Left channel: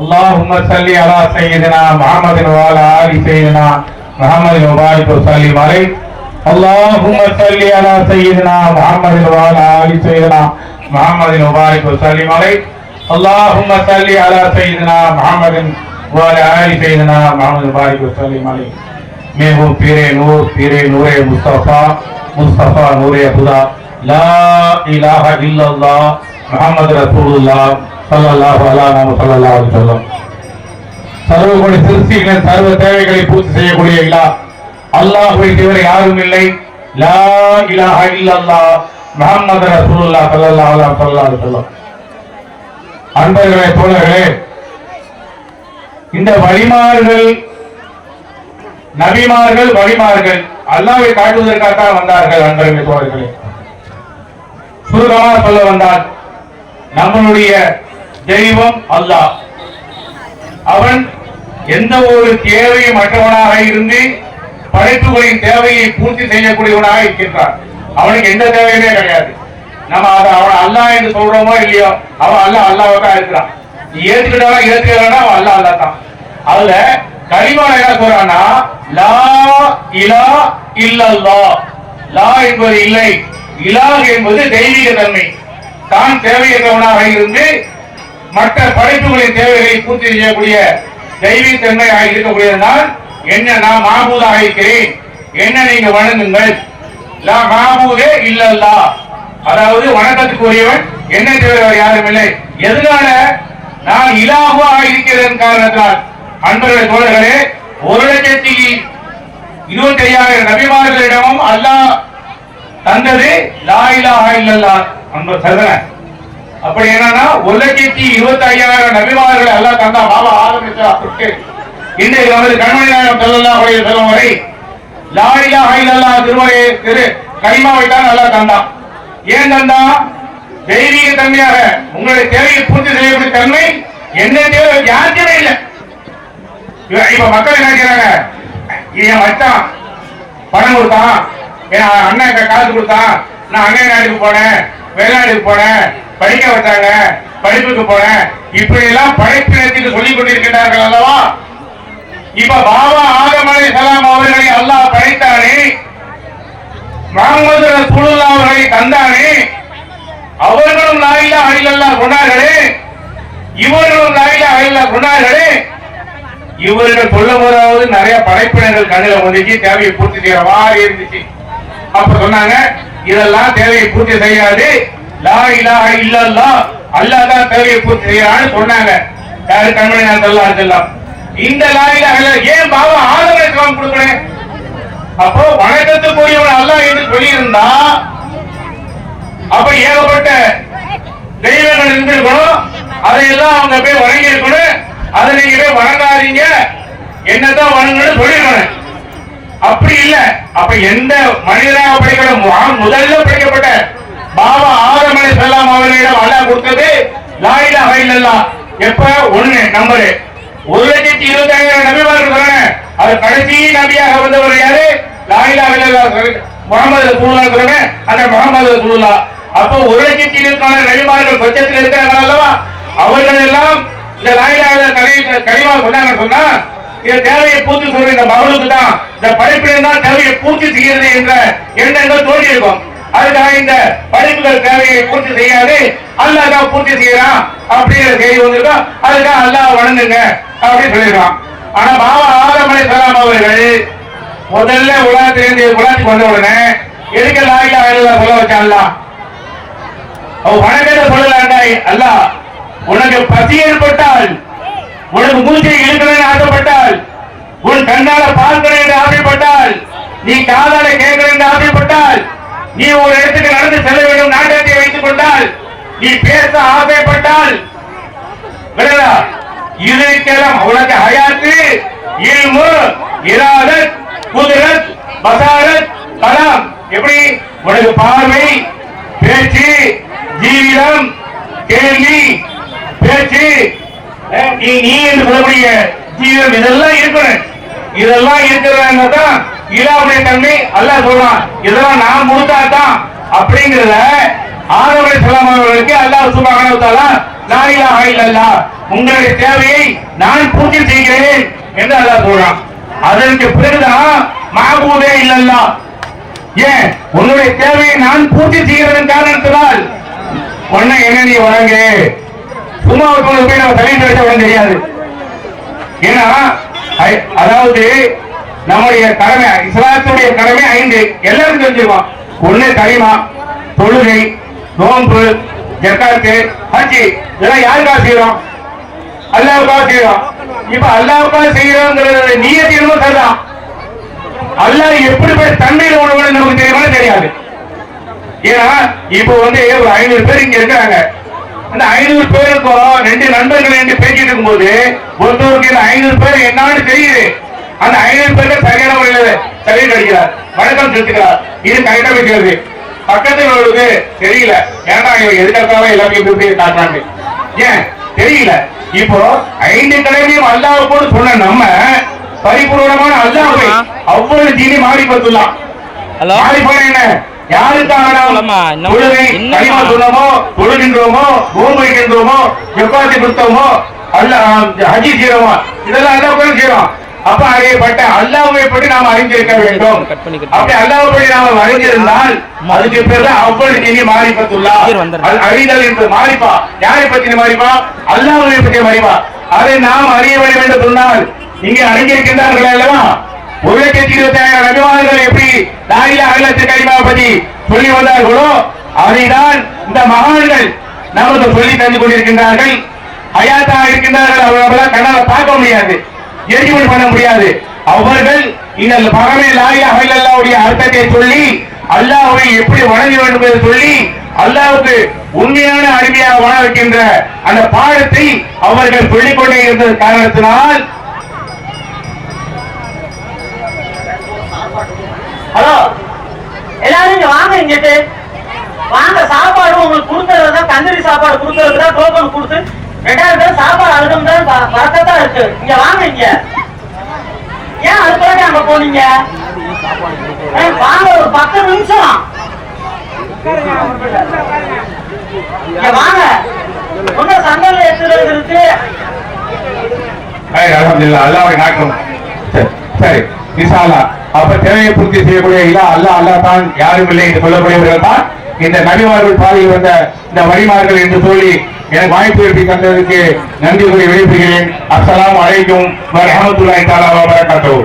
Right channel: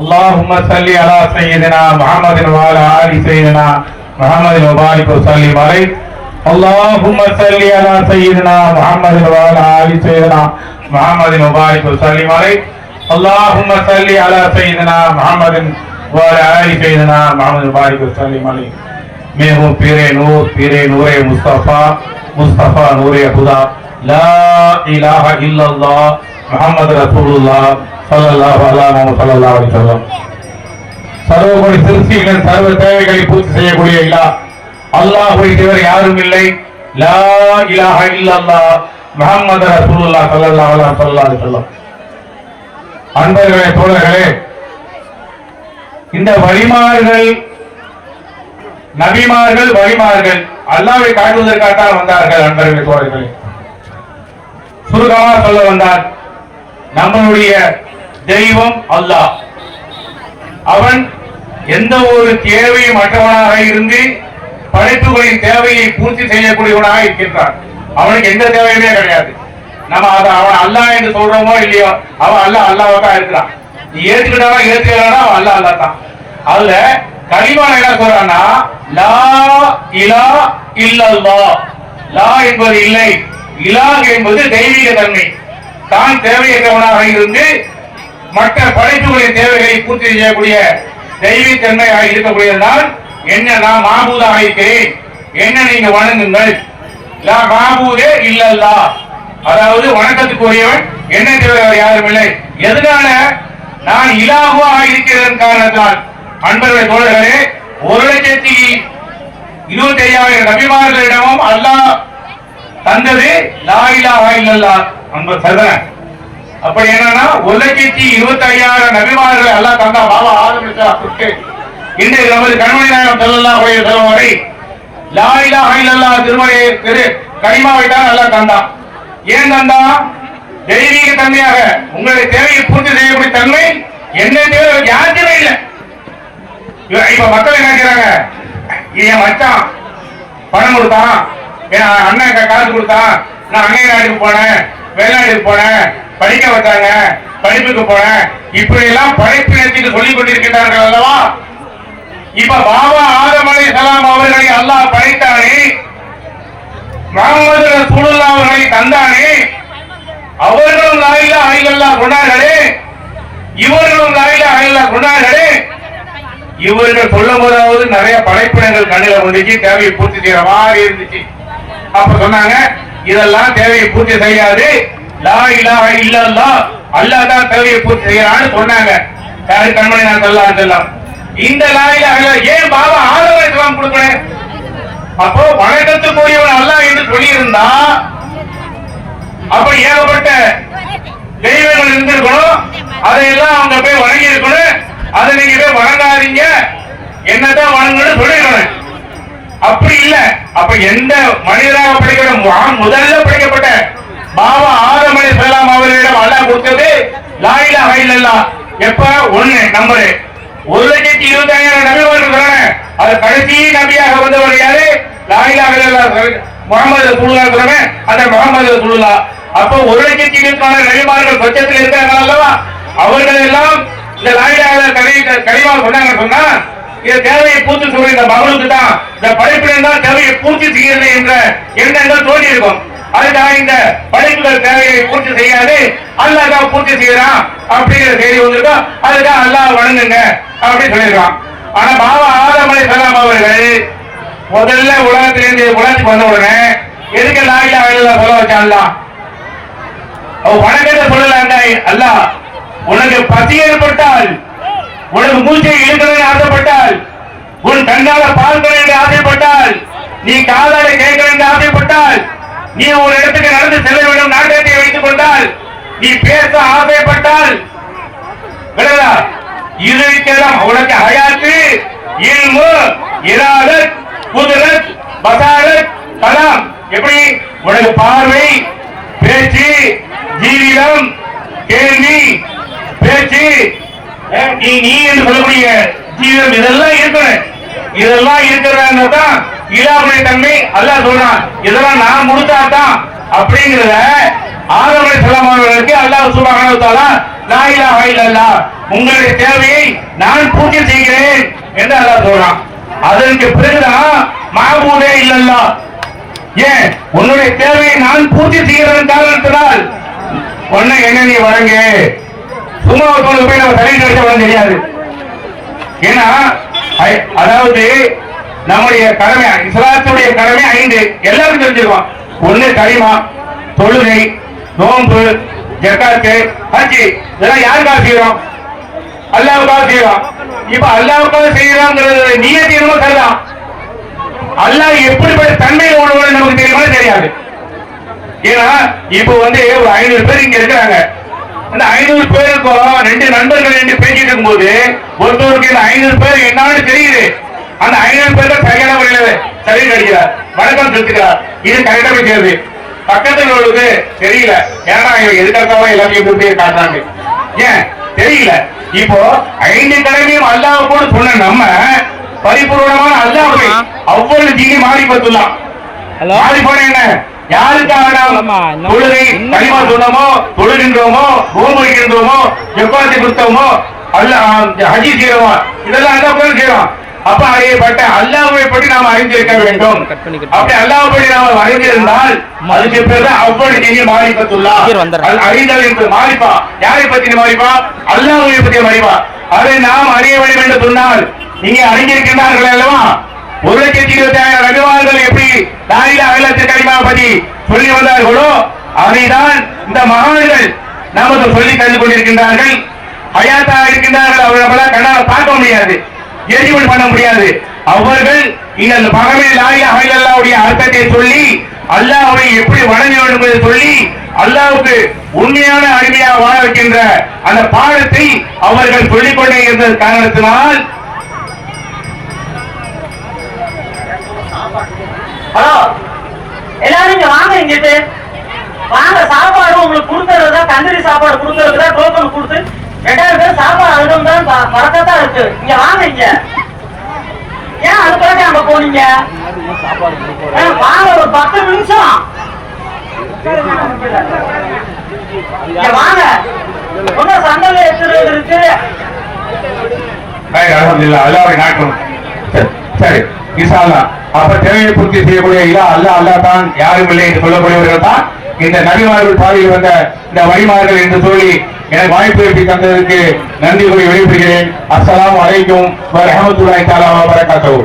اللهم صل على سيدنا محمد وعلى آل سيدنا محمد وبارك وسلم عليه. اللهم صل على سيدنا محمد وعلى آل سيدنا محمد وبارك وسلم عليه. اللهم صل على سيدنا محمد وعلى آل سيدنا محمد وبارك وسلم عليه. Mayhew पीरे नूरे मुस्तफा नूरे खुदा ला इलाहा इल्लल्लाह मुहम्मद रसूलुल्लाह ஸல்லல்லாஹு அலைஹி வஸல்லம். சர்வகுண சிருஷ்டிகளின் சர்வ தேவைகளை பூர்த்தி செய்யக்கூடிய இலாஹ் அல்லாஹ்வை தவிர யாரும் இல்லை. லா இலாஹா இல்லல்லாஹ் முஹம்மது ரசூலுல்லாஹ் ஸல்லல்லாஹு அலைஹி வஸல்லம். அன்பர்களே, தோழர்களே, இந்த வழிமார்கள், நபிமார்கள், வழிமார்கள் அல்லாஹ்வை காட்டுவதற்காக வந்தார்கள். அன்பர்களே, தோழர்களே, சுருக்கமாக சொல்ல வந்தால் நம்மளுடைய தெய்வம் அல்லாஹ். அவன் எந்த ஒரு தேவையும் மற்றவனாக இருந்து படைப்புகளின் தேவையை பூர்த்தி செய்யக்கூடியவனாக இருக்கின்றான். அவனுக்கு எந்த தேவையுமே கிடையாது. நம்ம அவன் அல்லாஹ் என்று சொல்றோமோ இல்லையோ, அவன் அல்லாஹ் இருக்கிறான். நீ ஏத்துக்கிட்டவன் ஏத்துக்கிறானா அவன் அல்லாஹ் தான். அதுல கலிமா என்ன சொல்றான்னா, லா இலாஹ இல்லல்லாஹ். லா என்பது இல்லை, இலாஹ் என்பது தெய்வீக தன்மை. தான் தேவையற்றவனாக இருந்து மற்ற படைப்புகளின் தேவைகளை பூர்த்தி செய்யக்கூடிய தெய்வீக தன்மையாக இருக்கக்கூடியதுதான் என்ன, நான் மாபூதாக இருக்கிறேன், என்ன நீங்க வணங்குங்கள். லா மாபூதே இல்லல்லாஹ், அதாவது வணக்கத்துக்குரியவன் என்ன தேவை யாரும் இல்லை. எதனால? நான் இலாஹுவாக இருக்கிறதன் காரணத்தால். அன்பர்களே, தோழர்களே, 1,25,000 நபிமார்களிடமும் அல்லாஹ் தந்தது லா இலாஹா இல்லல்லாஹ் அன்பர் சதன. அப்படி என்னன்னா 1,25,000 நபிமார்களை அல்லாஹ் தந்தா. பாபா ஆதம் இன்றைக்கு நமது கண்மணி நாயகம் ஸல்லல்லாஹு அலைஹி வஸல்லம் வரை லா இலாஹா இல்லல்லாஹ் திருமறை கலிமாவை தான் அல்லாஹ் தந்தான். ஏன் தந்தா? தெய்வீக தன்மையாக உங்களுடைய தேவையை பூர்த்தி செய்யக்கூடிய தன்மை என்ன தேவை யாருக்குமே இல்லை. இப்ப மக்கள் என்ன செய்றாங்க, என் மச்சான் பணம் கொடுத்தான், என் அண்ணன் காசு கொடுத்தான், நான் அண்ணன் நாட்டுக்கு போனேன், வெளிநாட்டுக்கு போனேன், படிக்க வச்சாங்க, படிப்புக்கு போனேன், இப்படி எல்லாம் படைப்பினத்துக்கு சொல்லிக் கொண்டிருக்கிறார்கள் அல்லவா. இப்ப பாபா ஆதம் அலைஹிஸ்ஸலாம் அவர்களை அல்லாஹ் படைத்தானே, முஹம்மது ரசூலுல்லாஹ் அவர்களை தந்தானே, அவர்களும் லா இலாஹா இல்லல்லாஹ் சொன்னார்களே, இவர்களும் லா இலாஹா இல்லல்லாஹ் சொன்னார்களே. இவர்கள் சொல்லும் போதாவது நிறைய படைப்பினங்கள் கண்ணில் வந்துச்சு, தேவையை பூர்த்தி செய்யற மாதிரி இருந்துச்சு. அப்ப சொன்னாங்க, இதெல்லாம் தேவையை பூர்த்தி செய்யாது, லா இலாஹா இல்லல்லாஹ் அல்லாஹ் தான் தேவையை பூர்த்தி செய்யறான்னு சொன்னாங்க. யாரு? கண்மணி நாயகம் ஸல்லல்லாஹு அலைஹி வஸல்லம். இந்த லா இலாஹா இல்லல்லாஹ் ஏன் பாபா ஆதம் அலைஹிஸ்ஸலாம் கொடுக்கணும்? அப்போ வணக்கத்துக்குரியவன் அல்லாஹ் என்று சொல்லி இருந்தா அப்ப ஏகப்பட்ட தெய்வங்கள் இருந்திருக்கணும், அதையெல்லாம் அவங்க போய் வணங்கி இருக்கணும். அதை நீங்க போய் வணங்காதீங்க, என்னதான் வணங்கன்னு சொல்லிருக்கணும். அப்படி இல்ல. அப்ப எந்த மனிதராக படைக்கப்பட்ட முதல்ல படைக்கப்பட்ட பாபா ஆதம் அலைஹிஸ்ஸலாம் அவர்களிடம் அல்லாஹ் கொடுத்தது லா இலாஹா இல்லல்லாஹ். எப்ப? 1 நம்பர் 1,25,000 நபிமார்கள் சொன்னாங்க. அது கடைசி நபியாக வந்தவர் யாரு? லா இலாஹா இல்லல்லாஹ் முஹம்மது ரசூலுல்லாஹ் சொல்றமே, அந்த முஹம்மது ரசூலுல்லாஹ். அப்போ 1,20,000 நபிமார்கள் பட்சத்தில் இருக்காங்க அல்லவா. அவர்கள் எல்லாம் இந்த லா இலாஹா இல்லல்லாஹ் கலிமா சொன்னாங்க. சொன்னா இந்த தேவையை பூர்த்தி சொல்ற இந்த மகளுக்கு தான், இந்த படைப்பினர் தான் தேவையை பூர்த்தி செய்கிறது என்ற எண்ணங்கள் தோன்றி இருக்கும். அதுக்காக இந்த படைப்புகள் தேவையை பூர்த்தி செய்யாது, அல்லாஹ் தான் பூர்த்தி செய்யறான் அப்படிங்கிற செய்தி வந்திருக்கோம். அதுக்காக அல்லாஹ் வணங்குங்க அப்படின்னு சொல்லியிருக்கான். ஆனா பாபா ஆதம் அலைஹிஸ்ஸலாம் அவர்கள் முதல்ல உலகத்துக்கு வந்த உடனே எதுக்கு லா இலாஹா இல்லல்லாஹ் சொல்ல வச்சான்ல? அவ வணக்கத்தை சொல்லலாண்டா. அல்லாஹ் உனக்கு பசி ஏற்பட்டால், உனக்கு மூச்சை இழுக்கணும்னு ஆசைப்பட்டால், உன் கண்ணால பார்க்கணும் என்று ஆசைப்பட்டால், நீ காதால கேட்கணும் என்று ஆசைப்பட்டால், நீ ஒரு இடத்துக்கு நடந்து செல்ல வேண்டும் நாட்டத்தை வைத்துக் கொண்டால், நீ பேச ஆசைப்பட்டால், இதுக்கெல்லாம் உனக்கு ஹயாத்து, இல்மு, இராதத், குதிரத், பசாரத், கலாம். எப்படி? உனக்கு பார்வை, பேச்சு, ஜீவிதம், கேள்வி, பேச்சு, நீ என்று சொல்லக்கூடிய ஜீவிதம், இதெல்லாம் இருக்கணும். இதெல்லாம் இருக்கிறதான் இலாஹுடைய தன்மை. அல்லாஹ் சொல்றான், இதெல்லாம் நான் கொடுத்தாதான் அப்படிங்கிறத ஆதம் அலைஹிஸ்ஸலாம் அவர்களுக்கு அல்லாஹ் சுப்ஹானஹு வ தஆலா லா இலாஹா இல்லல்லாஹ் உங்களுடைய தேவையை நான் பூர்த்தி செய்கிறேன் என்று அல்லாஹ் சொல்றான். அதற்கு பிறகுதான் மாபூதே இல்லல்லா, ஏன் உன்னுடைய தேவையை நான் பூர்த்தி செய்கிறதன் காரணத்தினால் உன்னை என்ன நீ வழங்க, சும்மா ஒருத்தவங்களுக்கு போய் நம்ம தலையில் கிடைச்ச வழங்க தெரியாது. ஏன்னா அதாவது நம்முடைய கடமை, இஸ்லாத்துடைய கடமை 5 எல்லாரும் தெரிஞ்சிருக்கோம். ஒண்ணு கலிமா, தொழுகை, நோன்பு, ஜகாத்து, ஹஜ். இதெல்லாம் யாருக்காக செய்யறோம்? அல்லாஹ்வுக்காக செய்யறோம். இப்ப அல்லாஹ்வுக்காக செய்யறோம்ங்கிறது நியத் என்னமோ சரிதான். அல்லாஹ் எப்படிப்பட்ட தன்மையில உள்ளவங்க நமக்கு தெரியுமா? தெரியாது. ஏன்னா இப்ப வந்து ஒரு 500 பேர் இங்க இருக்காங்க. அந்த 500 பேருக்கும் 2 நண்பர்கள் என்று பேசிட்டு இருக்கும்போது ஒருத்தருக்கு இந்த 500 பேர் என்னன்னு தெரியுது. அந்த 500 பேருக்கு சரியான முறையில சரி அடிக்கிறார், வணக்கம் செலுத்துகிறார். இது கரெக்டா தெரியாது. பக்கத்தில் உள்ளது தெரியல. ஏன்னா எதுக்காக எல்லாத்தையும் காட்டுறாங்க, ஏன் தெரியல. இப்போ 5 கடமையும் அல்லாஹ் கூட சொன்ன நம்ம பரிபூர்ணமான அல்லாஹ்வை அவ்வளவு ஜீனி மாறி பத்துலாம். மாறி போன என்ன, யாருக்காக நாம் தொழுகை கலிமா சொன்னோமோ, தொழுகின்றோமோ, நோன்பு வைக்கின்றோமோ, ஜக்காத்து கொடுத்தோமோ, ஹஜ் செய்யறோமோ, இதெல்லாம் அல்லாஹ்வுக்காக செய்யறோம். அப்ப அறியப்பட்ட அல்லாஹ்வை பற்றி நாம் அறிந்திருக்க வேண்டும். அப்படி அல்லாஹ்வை பற்றி நாம் அறிந்திருந்தால் அதுக்கு பேர் அவ்வளவு ஜீனி மாறிபத்துல்லா. அறிதல் என்பது மாறிப்பா. யாரை பற்றி மாறிப்பா? அல்லாஹ்வை பற்றி மாறிப்பா. அதை நாம் அறிய வேண்டும் என்று சொன்னால் இங்கே அறிஞ்சிருக்கின்றார்கள் அல்லவா? 1,25,000 நபிமார்கள் எப்படி லா இலாஹ இல்லல்லாஹ் கலிமாவை பற்றி சொல்லி வந்தார்களோ அதைதான் இந்த மகான்கள் நமக்கு சொல்லி தந்து கொண்டிருக்கின்றார்கள். ஹயாத்தா இருக்கின்றார்கள். அவர்களால் கண்ணால பார்க்க முடியாது, எரிவுள் பண்ண முடியாது. அவர்கள் இந்த பகமே லா இலாஹ இல்லல்லாஹ்வுடைய அர்த்தத்தை சொல்லி அல்லாஹ்வை எப்படி வணங்க வேண்டும் என்று சொல்லி அல்லாஹ்வுக்கு உண்மையான அடிமையாக வாழ வைக்கின்ற அந்த பாடத்தை அவர்கள் சொல்லிக் கொண்டே இருந்த காரணத்தினால் ஹலோ எல்லாரும் இங்க வாங்க, இங்கிட்டு வாங்க. சாப்பாடு உங்களுக்கு கொடுக்கறதா, தந்தூரி சாப்பாடு கொடுக்கறதுதான் டோக்கன் கொடுத்து 2000 பேர் சாப்பாடு அழுதும் தான் பறக்கத்தான் இருக்கு. இங்க வாங்க. இங்க ஏன் அதுக்காக அங்க போனீங்க? வாங்க, ஒரு 10 நிமிஷம் வாங்க. ஒன்னும் சந்தோஷம் எடுத்துறது இருக்கு. அல்லாஹ்வை நாட்டும். சரி, இன்ஷா அல்லாஹ். அப்ப தேவையை பூர்த்தி செய்யக்கூடிய அல்லாஹ் தான், யாரும் இல்லை என்று சொல்லக்கூடியவர்கள் தான் இந்த நபிமார்கள் பாதையில் வந்த இந்த வழிமார்கள் என்று சொல்லி எனக்கு வாய்ப்பு தந்ததற்கு நன்றி கூறி வெளிப்படுகிறேன். அஸ்ஸலாமு அலைக்கும் வ ரஹ்மத்துல்லாஹி தஆலா வ பரகாத்துஹு.